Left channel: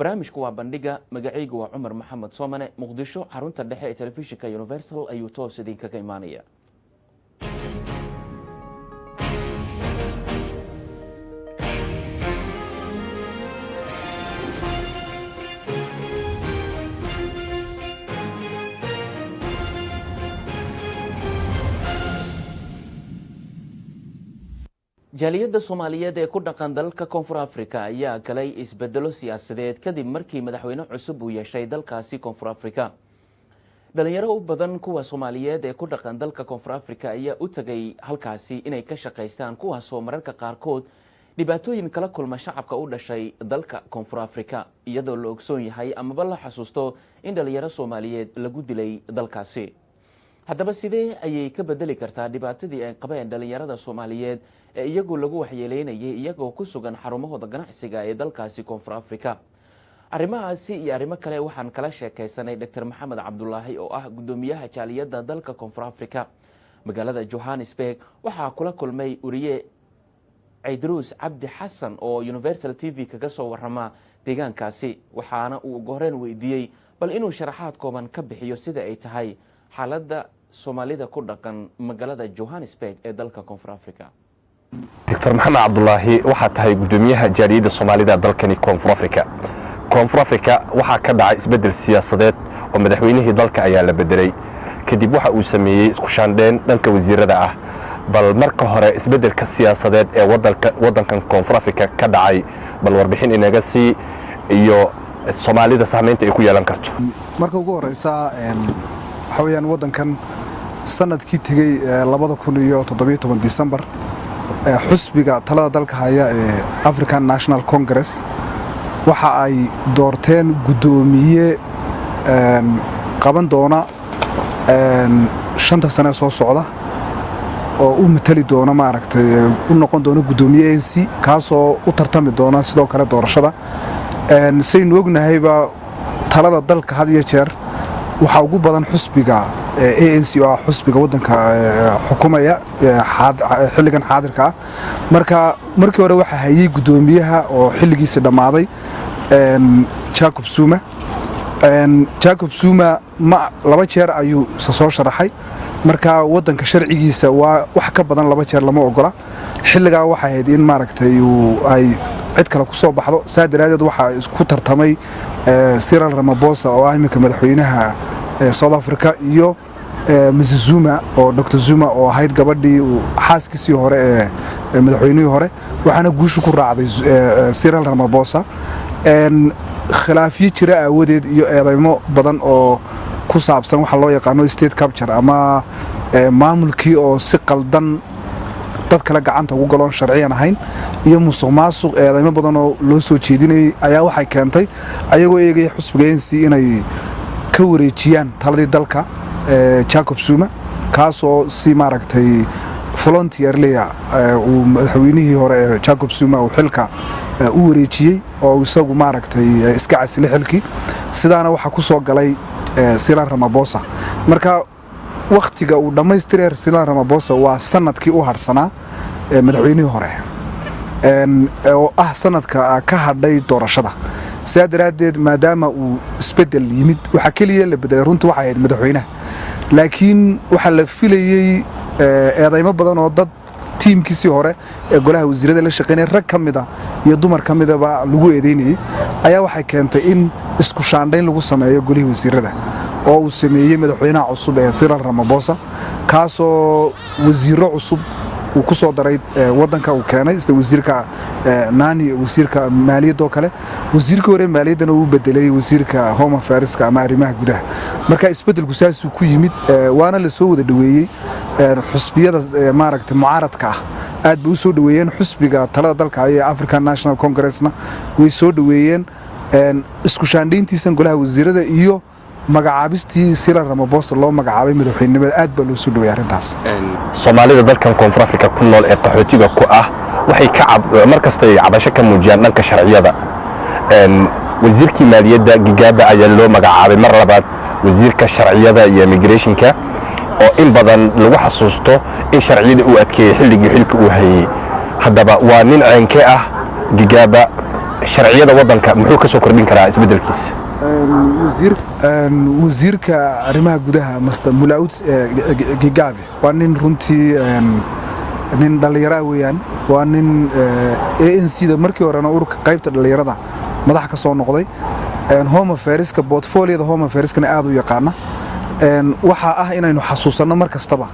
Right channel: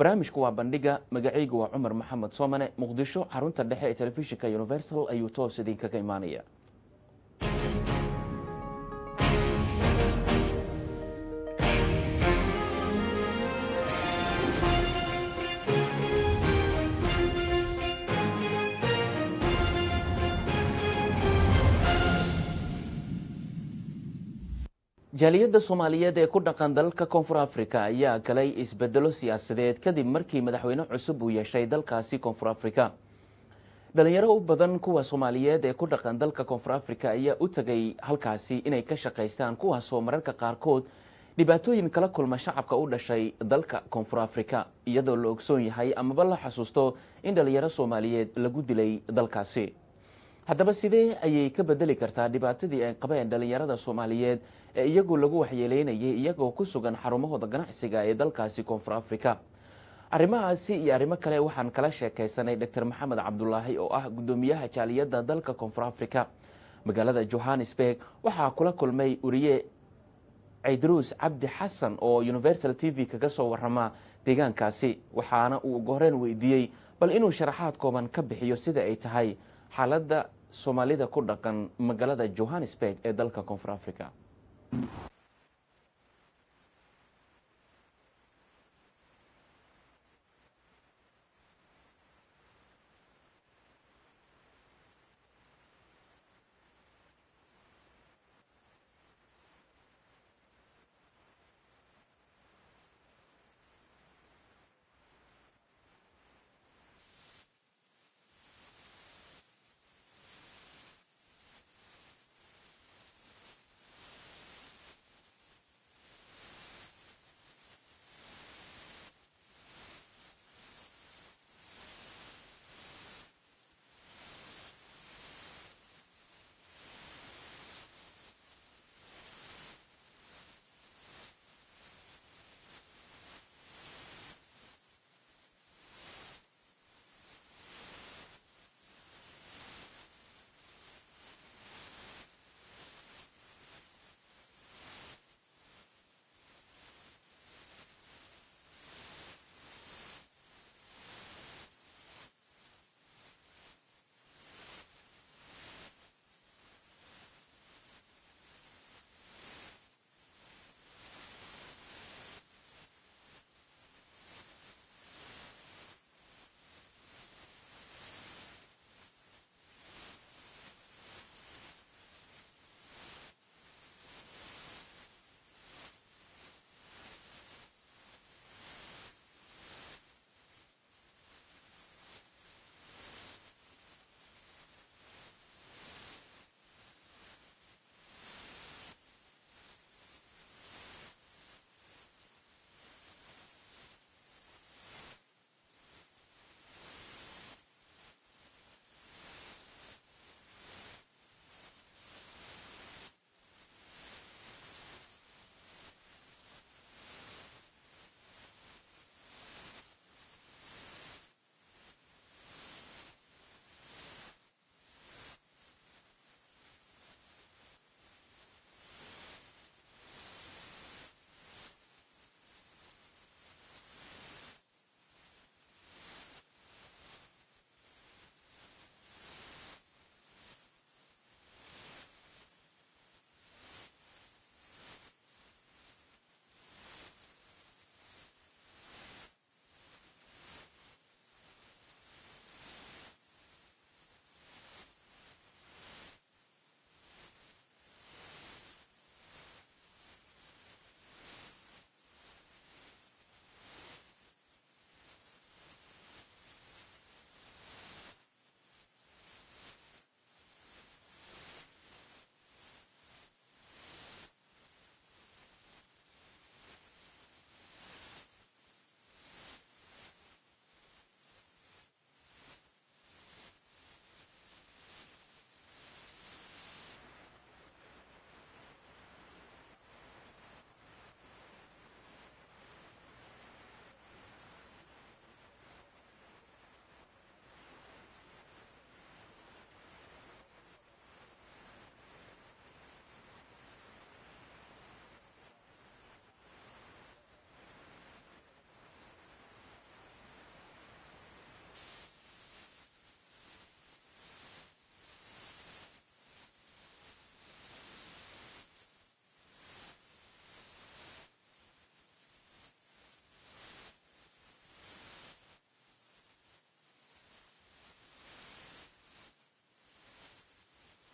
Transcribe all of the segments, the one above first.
barnaamijku waa bandhiga magacaygu waa Cumar Maxamed Soomane Muqdisho xarunta dhexe ee telefishinka Universal ayuu toos idinkaga imaanaya. jaaliyadda Soomaaliyeed ee ku dhaqan dalka Koonfur Afrika ayaa galay isbedelo siyaasadeed kadib markii madaxweyne cusub uu yeeshay dalkaasi Koonfur Afrika. dhalinyaro u badan kuwa Soomaaliyeed ee ku dhaqan dalka Koonfur Afrika ayaa u tagay halkaasi inay ka shaqeystaan kuwaas oo mararka qaarkood dhibaatooyin kala kulma shacabka u dhashay dalka Koonfur Afrika iyadoo la ogsoon yahay amaba la xasuusto in dhalinyaro Soomaaliyeed lagu dilay dalkaasi. haddaba sidee ayay ka bedeli kartaa dhibaatadii ay qabeen dhalinyarada Soomaaliyeed ee iyagu lagu waxyeeleynayay iyagoo ku sugan xarumahooda ganacsiga ee dalkaasi Koonfur Afrika? arrimahaasi iyo arrimo kale waxaan kala sheekaysanay Dr. Maxamed Cabdullaahi oo ah gudoomiyaha jaaliyadda dalka Koonfur Afrika magaalada Johannesburg. waxaa kula kulmay uriye Idruus Cabdi Xasan oo Universal TV kaga soo warrama deegaankaasi, waxaana uu ugu horreyn weydiiyey bal inuu sharaxaad kooban ka bixiyo sida ay tahay xaaladda Soomaalida ku dhaqan magaalada Johannesburg ee dalka Koonfur Afrika. Dr. Maxamed Cabdullaahi waxaa tahay gudoomiyaha jaaliyadda Soomaalida dalkani Koonfur Afrika. Koonfur Afrika waxaa ka dhacay isbedel siyaasadeed oo madaxweynihii dalka ayaa la bedelay kadib waxa uu sameeyay isku shaandheen dhanka wasiirada ah. bal marka hore isbedelka siyaasadeed ee wadankan Koonfur Afrika ka dhacay bal warbixin inaga sii iyo Soomaalida saameynta ay ku yeelan karto. marka ugu horeysa waxa weeyaan wadankan sanadkii tagay 2017 December xusbiga talada dalka haya ee African National Congress waxa ay doorteen gudoomiye qaban doona 5 sano soo socda oo u matali doona maaragtay u noqon doona gudoomiye ANC kaasoo u tartami doona sidoo kale doorashada. saynu ognahayba talada dalka had iyo jeer waxa ugu badan xusbiga ANC oo xusbiga wadanka xukuumaya xilligan xaadirka. markii hore waxa hayay gudoomiyaha oo xilligiisa dhamaaday Jacob Zuma. Jacob Zuma laba jeer ayuu soo sharaxay, marka wadanka sharcigiisa waa wax ka badan laba jeer lama ogola. xilliga waxa ahayd in maaragtay ay cid kale ku soo baxdo. saadiradeed waxa isku tartamay Cyril Ramaphosa oo ah imika madaxweynaha South Africa iyo Mrs. Zuma oo Dr. Zuma oo ahayd gabadhii xaaskiisii hore ee madaxweynihii hore, waxaana guushu ku raacday Cyril Ramaphosa. khilaafiye jira awadeed iyo eedeymo badan oo ku saabsan waxa loo yaqaano state capture ama maamulkii oo si qaldan dad kale gacanta ugu galoon sharciyan ahayn iyo musuqmaasuq eedeymo badan oo loo soo jeedinayay ayaa waxay keentay ayagoo eegay xusbiga ANC inay ka wareejiyaan taladii dalka Jacob Zuma kaasoo si maaragtay volunteerly uu madaxweynihii hore Jacob Zuma uu xilka u wareejiyay oo isagu maaragtay iska casilay xilkii. sidaana waxa ku soo galay Cyril Ramaphosa. marka waqtiga uu dhameystiray Cyril Ramaphosa waa sanadkii u harsanaa madaxweynihii hore oo ah sanadka ka hadhay doorashada. saadiradeed maadaama uu isbedel yimid waxa kaliya la bedelay runtii waxa ahayd madaxweynaha, laakiin waxa la filayay eedeymo badan oo dad tiimkiisii hore ee golaha wasiirada la shaqeynay rag kamida iyo dumar kamidaba lagu eedeynayay ayaa waxay keentay in isku shaandhayn lagu sameeyo golaha wasiirada oo uu sameeyay madaxweynaha cusub ee Cyril Ramaphosa kaasoo wasiiro cusub uu ku soo daray wadanka uu keenay sida wasiirka Nani wasiirka maaliyadda oo kale. wasiirka hore maaliyadda uu bedelay wasiirka Home Affairs ama arrimaha gudaha. marka isbedelku saas ku yimid waana la soo wada dhaweeyay xusbiyada maaragtay mucaaradka aad bay u soo dhaweeyeen. xusbiga talada dalka ee African National Congressna way soo dhaweeyeen isku shaandhayntiisa golaha wasiirada iyo magacaabistii Cyril Ramaphosa loo magacaabay madaxweynimada aad baa loo soo dhaweeyay arintaas. Soomaalida dalkan Koonfur Afrika ku nool ee qaxootiga ku ah waxay ka markasta ay cabasho ka muujiyaan dhanka sharciyada. wasiirkii maaliyadda Gigaba ayaa loo magacaabay mar labaad wasiirka sharciyada iyo immigrationka oo in badan lagu xasuusto in sharciyada uu adkeeyay xilligii xilka uu hayay. haddaba waa nin ceenke ah Gigaba sharciyada waddanka muxuu ka soo kordhin karaa isbeddelkiisa wasiirka arrimaha gudaha master Mulaud Gigabe waa nin runtii nin dhalinyaro weeyaan waa nin ANC da markii horena ururka qaybta dhalinyarada madax ka soo noqday Home Affairs-ka portfolio-da Home Affairs-kana aad u yaqaana waxa ah inaynu xasuusano mar kastaba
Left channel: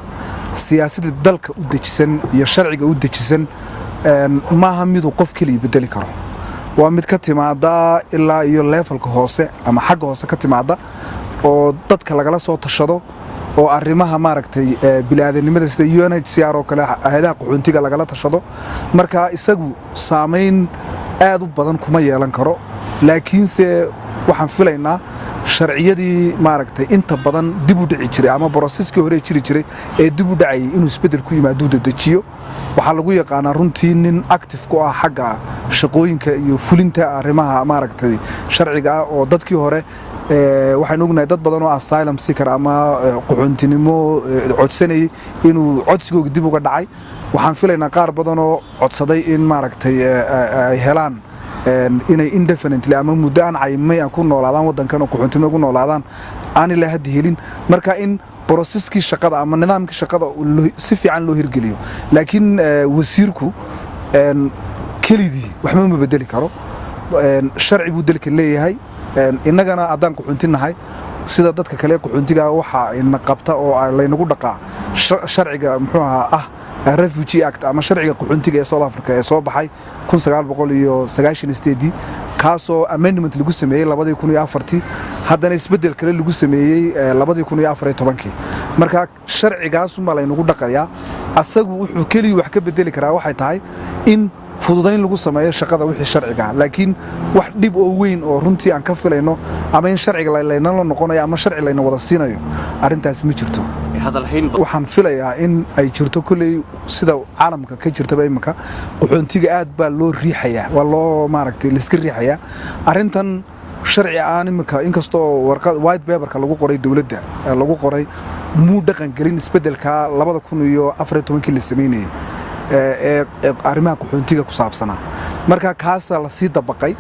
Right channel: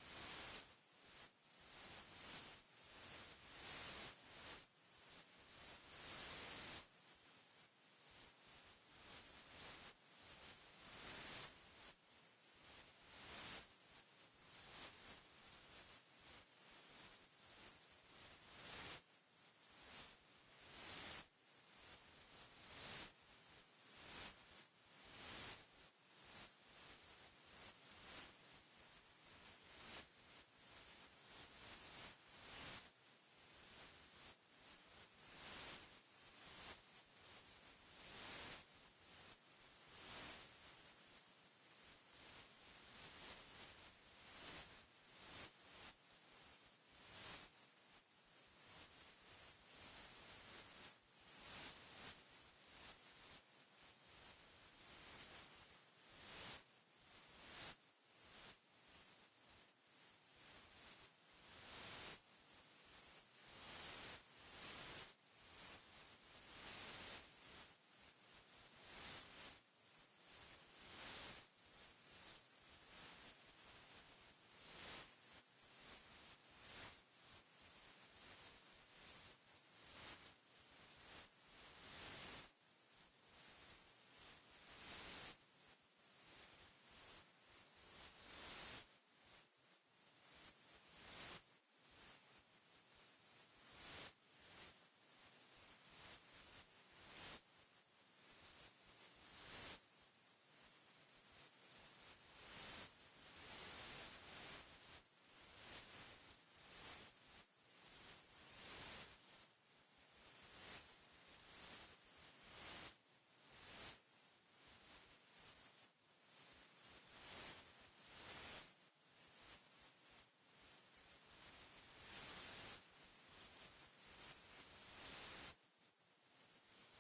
siyaasadda dalka u dejisan iyo sharciga u dejisan maaha mid uu qof kaliya bedeli karo waa mid ka timaada ilaa iyo levelka hoose ama xagga hoose ka timaada oo dadka lagala soo tashado oo arrimaha maaragtay bilaadanimada sida UNHCR oo kale hay'adaha qaxoontiga lagala tashado marka isagu saameyn aad u badan kuma yeelan karo laakiinse waxaan filaynaa sharciyadii maaragtay inta badan dib u dhici jiray ama processkii hore jiri jiray ee dib u dhacay inuu isbedel ku yimaado dedejiyo waxaa lagu yaqaanaa runtii nin active ku ah xagga shaqooyinka iyo fulinta arrimaha maaragtay sharciga ah oo dadkii hore waxaan ognahay dad badan oo asylum seeker ama qaxoontinimo codsanayay inuu codsigooda dib uga dhacay waxaan filaynaa qaar badan oo codsaday in maaragtay ay helaan inay indefinitely ama muddo aan caymay ku noolaadaan waddankan oo qaxoontinimo ku noolaadaan aan ilaa hadda helin marka in processkii shaqada ama nidaamkii shaqada si fiican loo hirgeliyo laakiin wasiirku kelidii waxba ma bedeli karo sharci buu dalka leeyahay innagana haddaan qaxoontinahay sida dadka kale qaxoontiga waxa ina qabta oo laynagu dhaqaa sharciga muxuu ahaa Refugee Act ama sharciga qaxoontiga ee South Africa ee soo baxay 1998 kaasoo amendment lagu sameeyay 2004 haddana isbedel kale lagu sameeyay 2014 marka sharcigaas uma laynagu dhaqayaa asagu wuxuu kaliya wax ka bedeli karaa waxay tahay in fududayn lagu sameeyo shaqada wixii sharciga laakiin wax dib oo weyn oo runtii aan ka filayno ama in sharciga layna la noqonayo ama sharci layna wada siinayo arintaas ma jirto waxaan filayaa in ay jirto kulay sida caalamka ka jirtaba imika qaxoontiga aad baa loo riixayaa waa loo maaragtay la iska riixayaa arintan sharci aan imika inkastoo warqad white paper-ka lagu qoray dawladda lagu qoray muu dhaqan gelin isbedelka 2014 la sameeyay arrimaha qaxoontiga ku saabsanaa marka kaas la sii dabaqay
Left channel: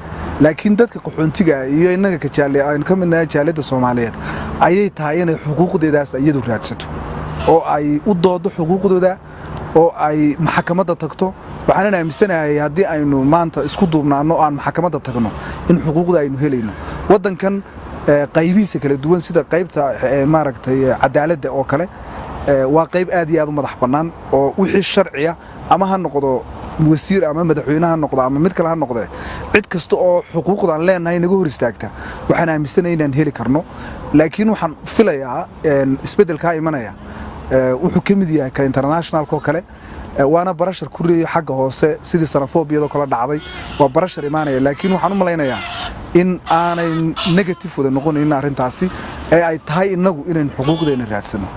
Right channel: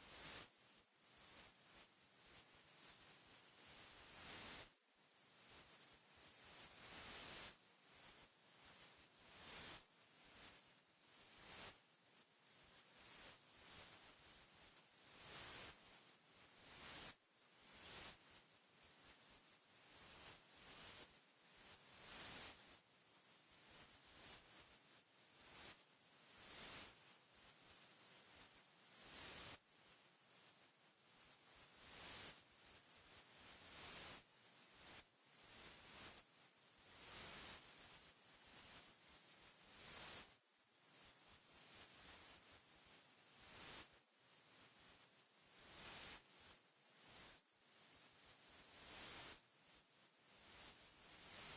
laakiin dadka qaxoontiga iyo inaga ka jaalay aan ka midnahay jaalada Soomaaliyeed ayay tahay inay xuquuqdeedaas iyadu raadsato oo ay u doodo xuquuqdooda oo ay maxkamadda tagto waxaan aaminsanahay haddii aynu maanta isku duubnaano aan maxkamadda tagno in xuquuqda aynu helayno waddankan qaybihiisa kala duwan sida qaybta maaragtay cadaaladda oo kale waa qayb aad iyo aad u madax bannaan oo wixii sharciya ama ha noqdo wasiir ama madaxweynaha noqdo ama mid kale ha noqdo cid kasta oo xuquuqdan leenahay naga hor istaagta waxaan aaminsanahay inaan heli karno laakiin waxaan filayaa isbedelka imanaya wuxuu ka mid yahay ka international ko kale waana barashar ku reeyay xagga hoose sidii xenophobia kala dhacday waa barashar imaanaya laakiin waxaan u maleynayaa in aanay negative wada noqonin arintaasi ay tahay inagu inaan xuquuqdeena raadsano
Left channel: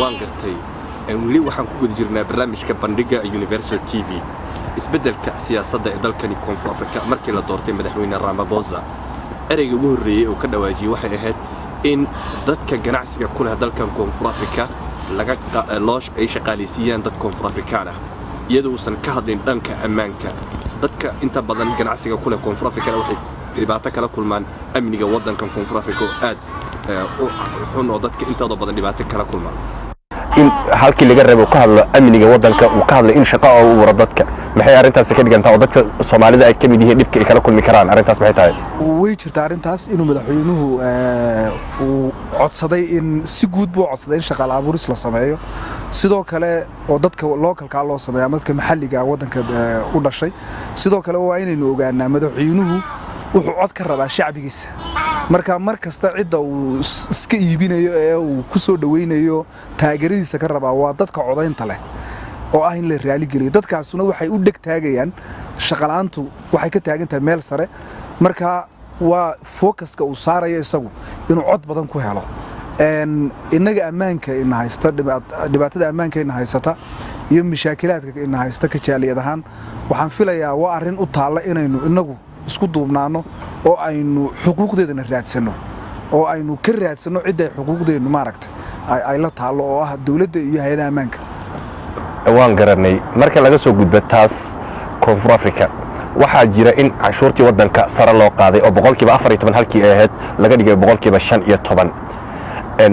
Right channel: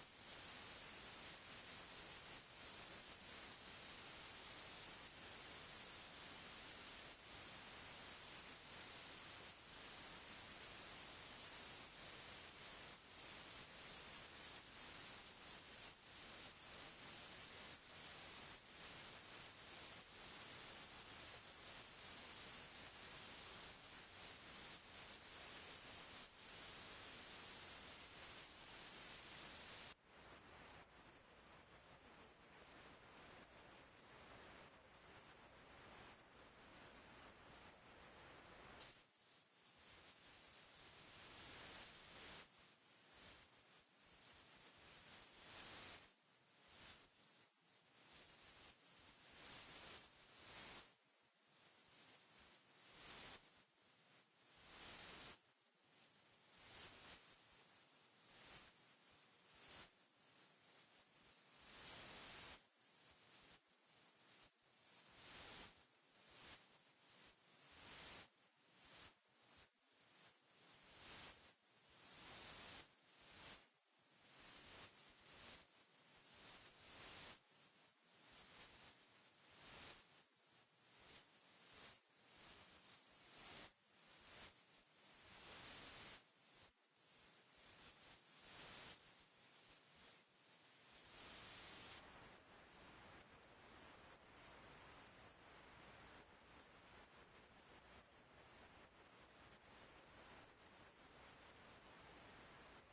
waan gartay weli waxaan ku guda jirnaa barnaamijka bandhiga Universal TV isbedelka siyaasadda ee dalkani Koonfur Afrika markii la doortay madaxweyne Ramaphosa ereyga ugu horeeyay oo ka dhawaajiyay waxay ahayd in dadka ganacsiga ku leh dalkan Koonfur Afrika laga loosh ay shaqaaleysiiyaan dad Koonfur Afrikaan ah iyadoo uusan ka hadlin dhanka ammaanka dadka inta badan ganacsiga ku leh Koonfur Afrika waxay dhibaato kala kulmaan amniga waddankan Koonfur Afrika oo aad oo dadka inta badan dhibaato kala kulmaan in halkii laga rabo ka hadlo amniga waddanka uu ka hadlo in shaqo uu waro dadka maxay arintaas ka dhigantaa oo dadka Soomaalida ay ka mid yihiin dhibka ay kala kulmi karaan arintaas maxay tahay way jirtaa arintaas inuu madaxweynuhu uu codsaday in si guud buu codsaday in shaqo abuuris la sameeyo sidoo kale oo dadka localka loo sameeyo dadka maxalliga waddanka u dhashay sidoo kale waa inaynu ogaanaa madaxweynuhu wuxuu cod ka rabaa shacbigiisa marka mar kasta cidda uu iska iibinayo ee uu ku soo dhaweynayo taageeradiisa ka rabaa waa dadka codaynta leh oo ah in la raali geliyo dadkaasuna waxay u dhig taagayaan shaqalaantu waxay ka taagan tahay meel sare marka waa focuska uu saarayo isagu inuu cod badan ku helo inaga ammaanka in haysta dhibaatada ammaanka in haysata iyo mashaakilaadka in haysta ka jaaliyad ahaan waxaan filayaa waa arrin u taala inaynu inagu isku duubnaano oo aynu xuquuqdeedana raadsano oo aynu ka raadsano cid ay xuquuqdeenu maaragtay ay la taalo oo ah dawladda iyo hay'adaha ammaanka waan garanay marka laga soo gudbo taas Koonfur Afrika waxaa jira in canshuurtii waddanka sare loo qaaday oo boqolkiiba 14 halkii ay ahayd laga dhigay boqolkiiba 15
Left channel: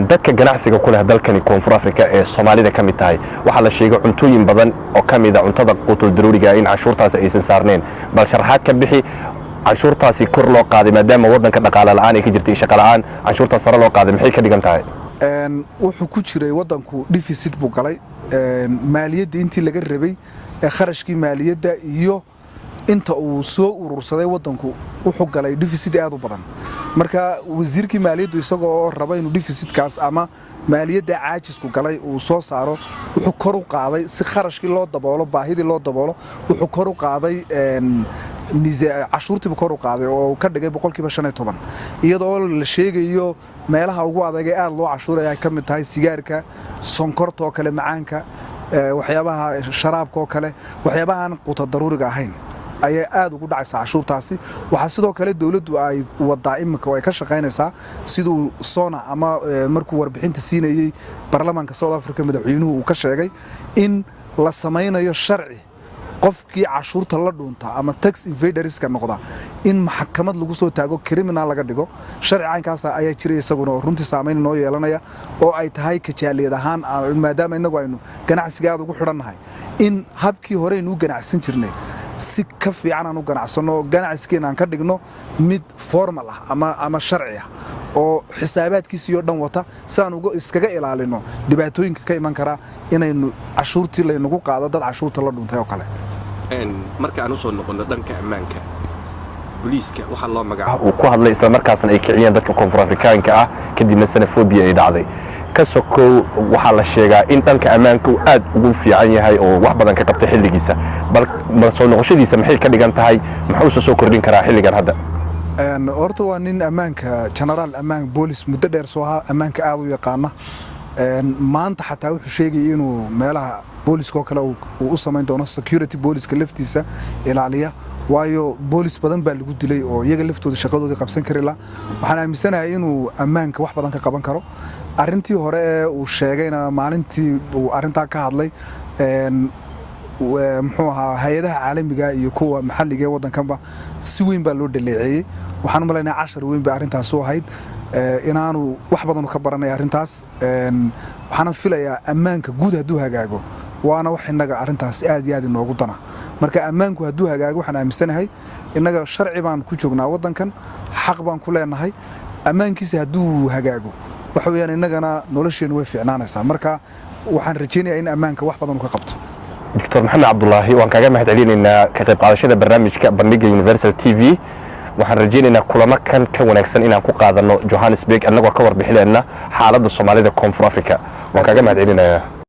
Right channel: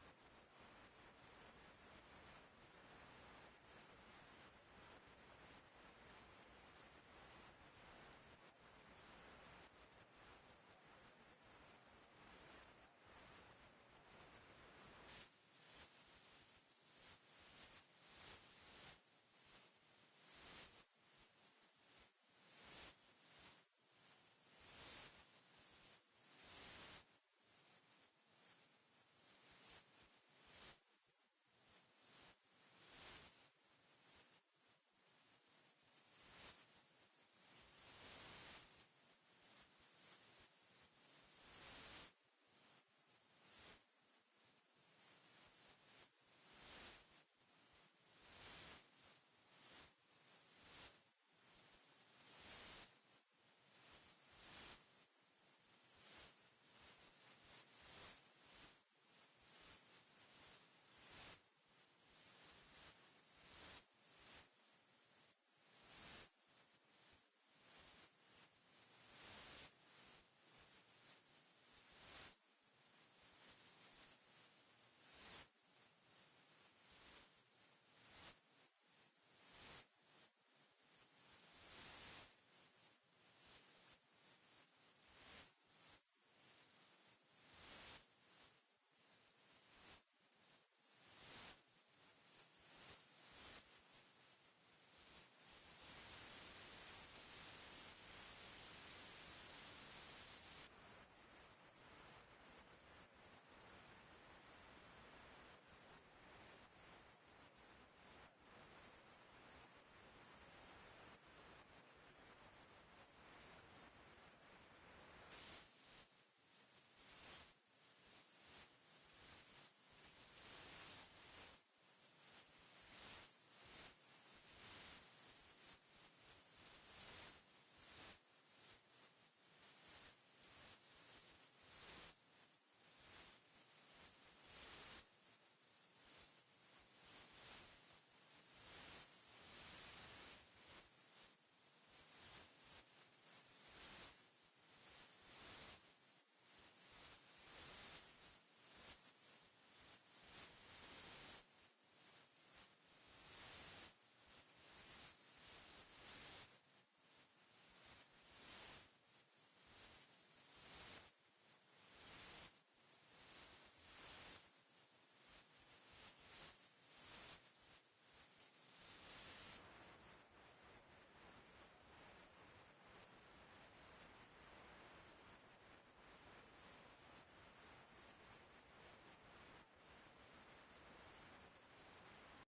dadka ganacsiga ku leh dalkani koonfur afrika ee soomaalida ka mid tahay waxaa la sheegay cuntooyin badan oo ka mid ah cuntada qutul daruuriga in canshuurtaasi aysan saarneen bal sharaxaad ka bixi canshuurtaasi kor loo qaaday maadaama waddanka dhaqaale la'aan ay ka jirtay shaqo la'aan canshuurtaas sare loo qaaday maxay ka dhigan tahay wuxuu ku jiray waddanku deficit buu galay maaliyadda intii laga rabay kharashkii maaliyadda iyo inta uu soo urursaday waddanku wuxuu galay deficit aad u badan marka wasiirkii maaliyaddu isagoo raba inuu deficitkaas ama maaliyadda caajisku galay uu soo saaro wuxuu kor u qaaday si kharashkii loo daboolo baahidii loo daboolo wuxuu kor u qaaday cashuurtiibu kor u qaaday oo ka dhigay boqolkiiba 15 iyadoo la sheegayo meelaha ugu adag ee aad loo cashuuraya ay ka mid tahay sigaarka sonkorta oo kale macaanka waxyaabaha sharaabka oo kale waxyaabahan quuta daruuriga ahayn ayaa aad ugu dhacaysa cashuurtaasi waxa sidoo kale dawladdu ay wadaa imika oo ay ka shaqaynaysaa siduu sona ama markuu warbixinta siinayay baarlamaanka South Africa madaxweynuhu uu ka sheegay in la samaynayo sharci qofkii cashuurta la dhuunta ama tax evaderska noqda in maxkamad lagu soo taago criminal laga dhigo sharcigaankaas ayaa jiray isaguna runtii saameyn noo yeelanaya oo ay tahay kajaaliyad ahaan maadaama inagu aynu ganacsiga aad ugu xidhannahay in habkii hore aynu ganacsan jirnay si ka fiican aan u ganacsano ganacsigeena aan ka dhigno mid formal ah ama sharci ah oo xisaabaadkiisa iyo dhan wata saan uga iskaga ilaalino dhibaatooyinka ka iman kara inaynu cashuurtii laynagu qaado dad cashuurta la dhuntay oo kale marka aan u soo noqono dhanka ammaanka booliiska waxa loo magacaabo uu ku hadlay isla markaasna ay kiciyeen dadka koonfur afrikaanka ah kadibna xenophobia ay dhacday ka sokow waxaa la sheegaa in dhanka ammaanka uu aad ugu fiican yahay oo wax badan ka qabtay xilligiisa bal soo noqoshadiisa maxay ka dhigan tahay maxuu soo kordhin karaa xilligan hadda horta waa nin ammaanka generaal ammaan boolis muddo dheer soo ahaa ammaanka aad u yaqaana maanta xataa wuxuu sheegay inuu meelaha booliska oo kale uu u samayn doono security booliska laftiisa ilaaliya waayo boolis badan baa lagu dilay oo iyaga laftooda shaqadooda qabsan kari la waxaan aaminsanahay inuu ammaanka wax badan ka qaban karo arintii hore ee uu sheegayna maalintii uu arintaa ka hadlay muxuu ahaa hay'adaha caalamiga iyo kuwa maxalliga ee waddankanba si weyn baa loo dhaleeceeyay waxaan u maleynayaa 10 weyn baa arintaas u ahayd inaanu wax badan ka baranay arintaas waxaan filayaa ammaanka guud hadduu hagaago waana wax inaga arintaas aad iyo aad inoogu dana marka ammaanku hadduu hagaago waxaan aaminsanahay inaga sharci baan ku joognaa waddankan xaq baan ku leenahay ammaankiisa hadduu hagaago waxa weeyaan inagana nolosheenu way fiicnaanaysaa marka waxaan rajaynayaa in ammaanka wax badan uu ka qabto دكتور محمد عبد الله وان كاغا مهدعلينينا كقيب قادشada barnaamijka bandhiga Universal TV waxaan rajaynaynaa kulamo kan ka wanaagsan inaan ku qaadano Johannesburg annagoo ka warbixinayna xaaladda Soomaalida Koonfur Afrika waan kaaga mahadcelinayaa